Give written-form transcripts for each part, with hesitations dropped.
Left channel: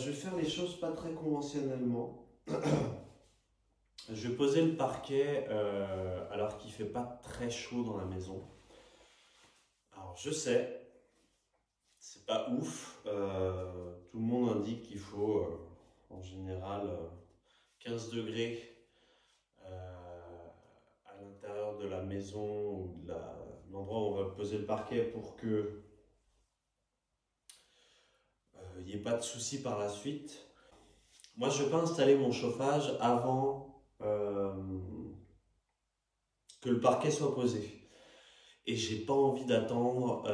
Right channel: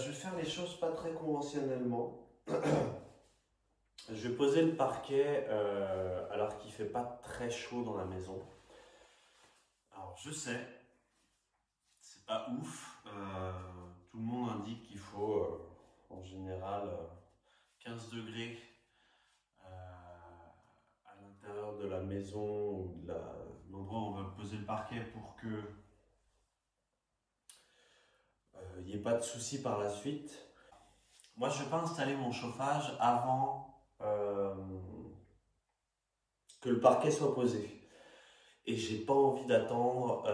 Je vais faire les choses pas très conventionnellement. Je vais poser le parquet alors qu'il fait pas très chaud dans la maison. Alors je sais, c'est pas ouf. Tout le monde indique qu'il faut en général 15 degrés à l'intérieur de la maison ou de l'endroit où on va poser le parquet pour que il n'y ait pas de soucis par la suite. Moi, je ne vais pas installer mon chauffage avant que le parquet soit posé. Et j'ai pas envie d'attendre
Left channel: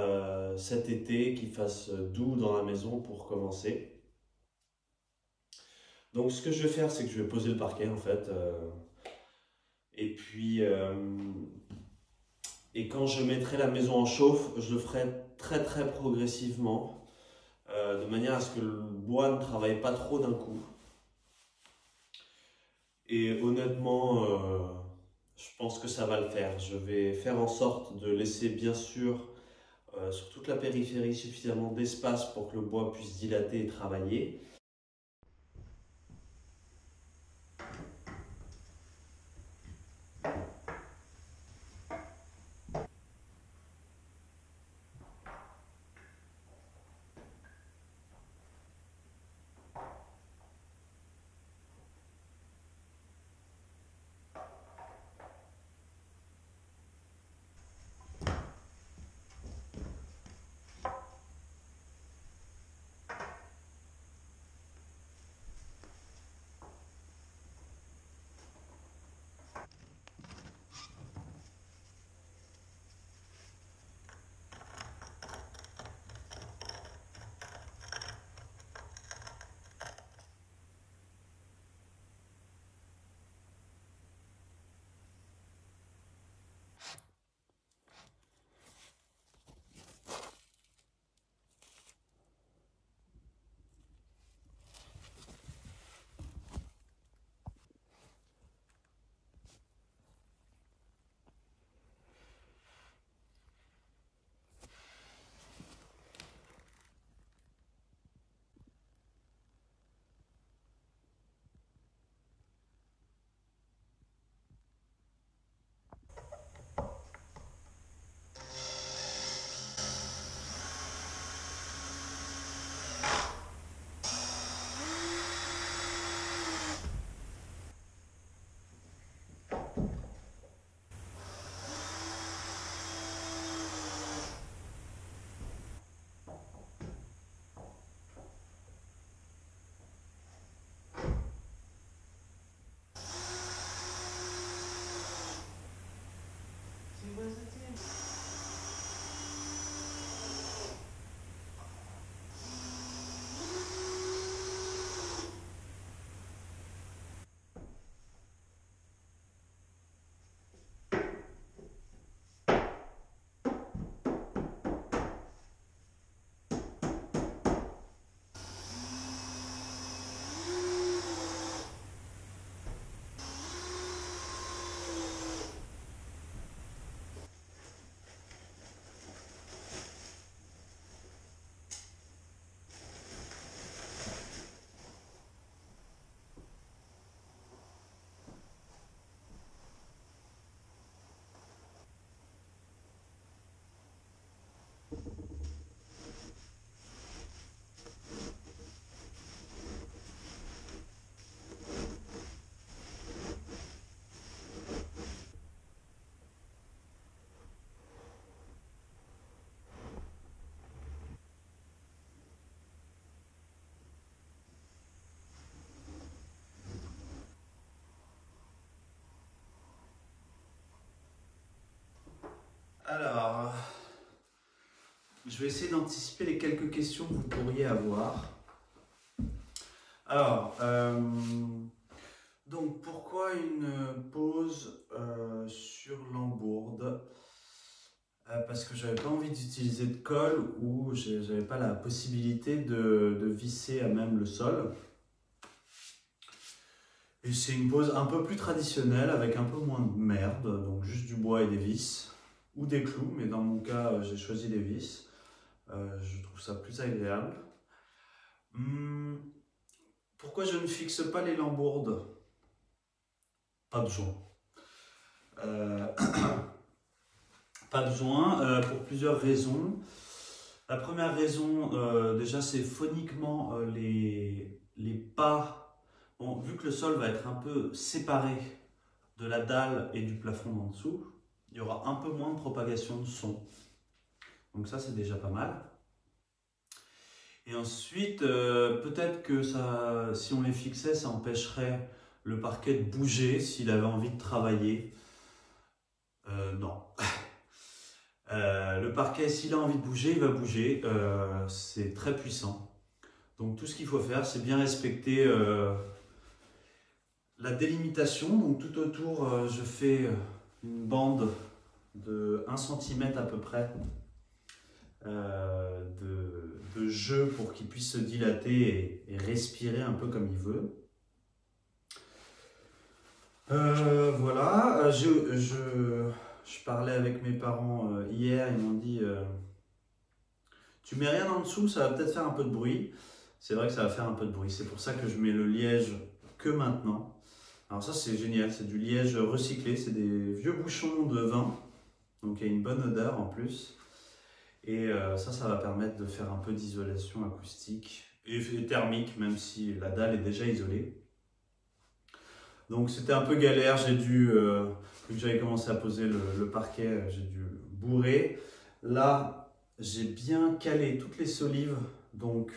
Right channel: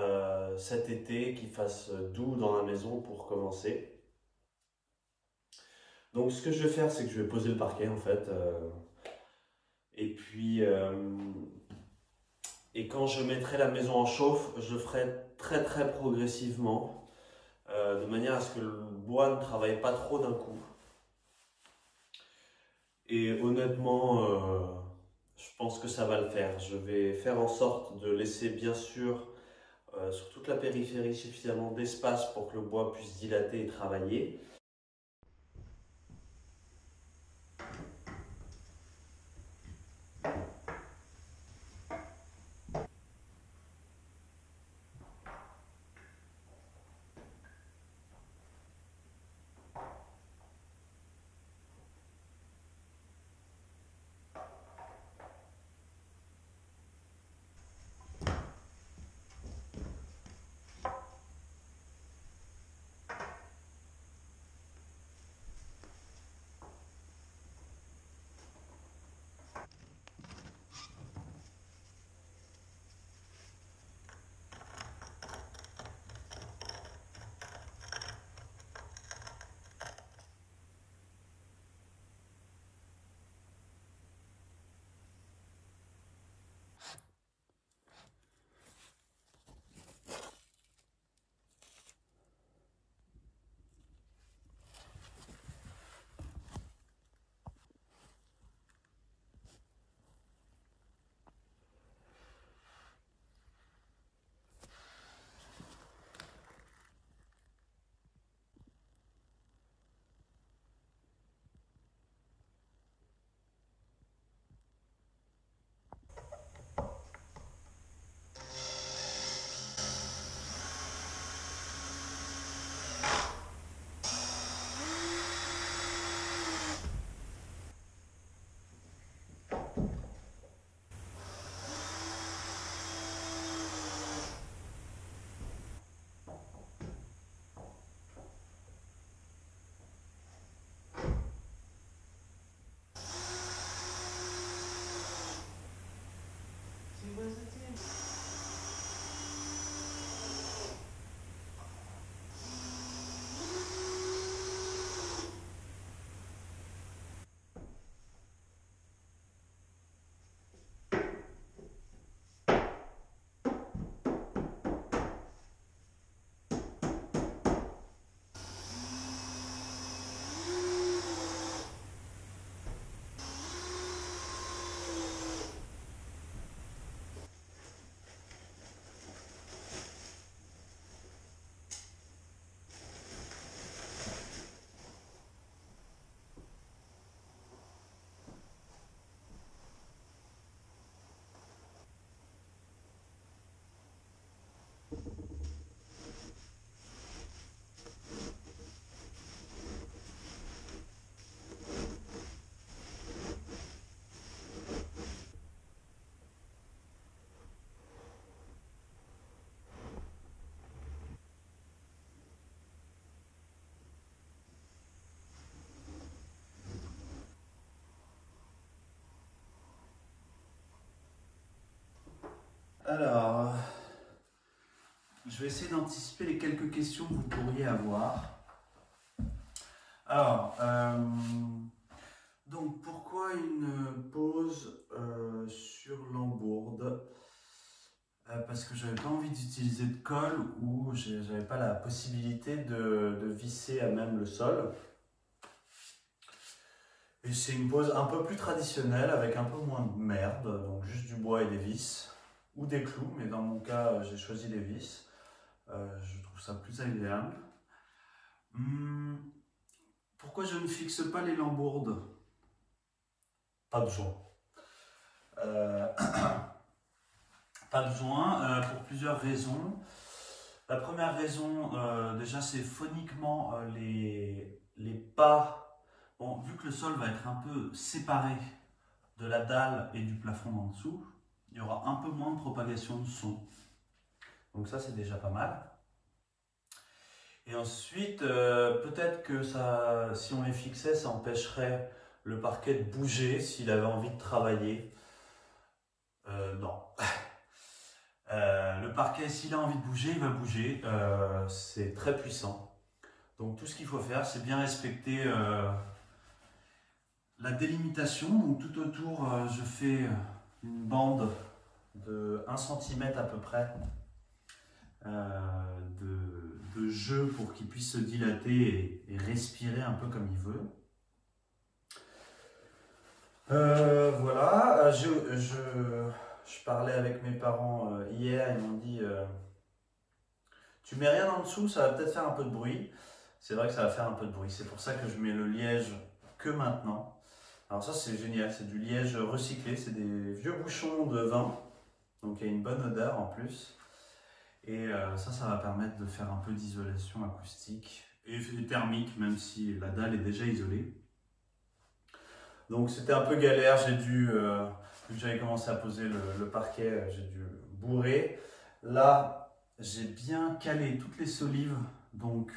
cet été qu'il fasse doux dans la maison pour commencer. Donc, ce que je vais faire, c'est que je vais poser le parquet en fait. Et puis, et quand je mettrai la maison en chauffe, je le ferai très très progressivement, de manière à ce que le bois ne travaille pas trop d'un coup. Et honnêtement, je pense que ça va le faire. Je vais faire en sorte de laisser bien sûr sur toute la périphérie suffisamment d'espace pour que le bois puisse dilater et travailler. Alors, je vais essayer d'anticiper les quelques questions que vous pourriez avoir. Alors, donc pourquoi une pause sur l'embourde? Parce que j'avais pas envie d'utiliser de colle ou j'avais pas la possibilité de visser à même le sol. Et c'est une pose un peu plus traditionnelle avec un peu moins de merde, donc juste du bois et des vis, ou des clous, mais dans mon cas j'ai choisi des vis. Je trouve ça plus agréable. Pourquoi je ne fixe pas les lambourdes? Pas besoin. Euh, Pas besoin pour plusieurs raisons. La première raison, déjà, c'est phoniquement les pas. Bon, vu que le sol va être un peu séparé de la dalle et du plafond en dessous, il y aura un peu moins de propagation de son. Donc ça, c'est déjà pas mal. Et ensuite, peut-être que ça, si on les fixait, ça empêcherait le parquet de bouger s'il avait envie de travailler. Non. Le parquet, s'il a envie de bouger, il va bouger. C'est très puissant. Donc tout ce qu'il faut faire, c'est bien respecter la délimitation. Donc tout autour, je fais une bande de 1 cm à peu près de jeu pour qu'il puisse se dilater et respirer un peu comme il veut. Voilà, je parlais avec mes parents hier, ils m'ont dit tu mets rien en dessous, ça va peut-être faire un peu de bruit. C'est vrai que ça va faire un peu de bruit, c'est pour ça que je mets le liège que maintenant. Alors ça c'est génial, c'est du liège recyclé, c'est des vieux bouchons de vin, donc il y a une bonne odeur en plus. Et ça va permettre de faire un peu d'isolation acoustique et thermique, même si la dalle est déjà isolée. Donc c'était un peu galère, j'ai dû, vu que j'avais commencé à poser le parquet, j'ai dû bourrer. Là, j'ai bien calé toutes les solives, donc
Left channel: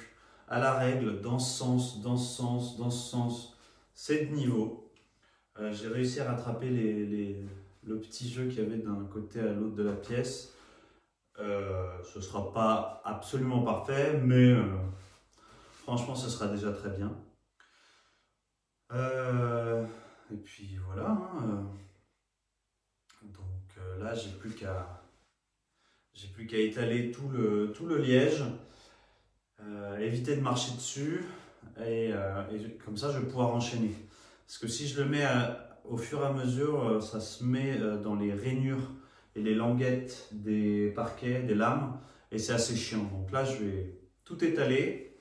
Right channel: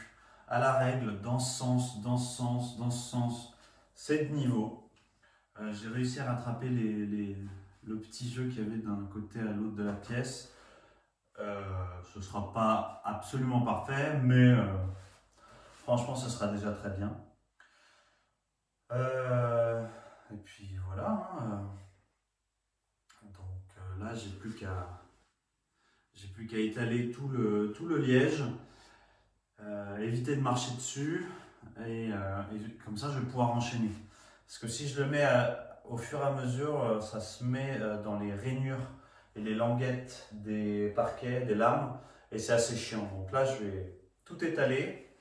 à la règle, dans ce sens, dans ce sens, dans ce sens, 7 niveaux. J'ai réussi à rattraper le petit jeu qu'il y avait d'un côté à l'autre de la pièce. Ce ne sera pas absolument parfait, mais franchement, ce sera déjà très bien. Et puis voilà. Hein, donc là, j'ai plus qu'à étaler tout le liège, éviter de marcher dessus, et comme ça, je vais pouvoir enchaîner. Parce que si je le mets au fur et à mesure, ça se met dans les rainures et les languettes des parquets, des lames, et c'est assez chiant. Donc là, je vais tout étaler,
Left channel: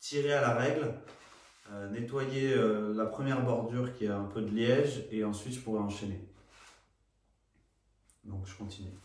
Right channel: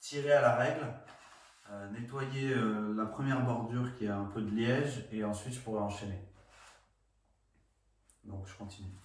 tirer à la règle, nettoyer la première bordure qui a un peu de liège, et ensuite je pourrai enchaîner. Donc je continue.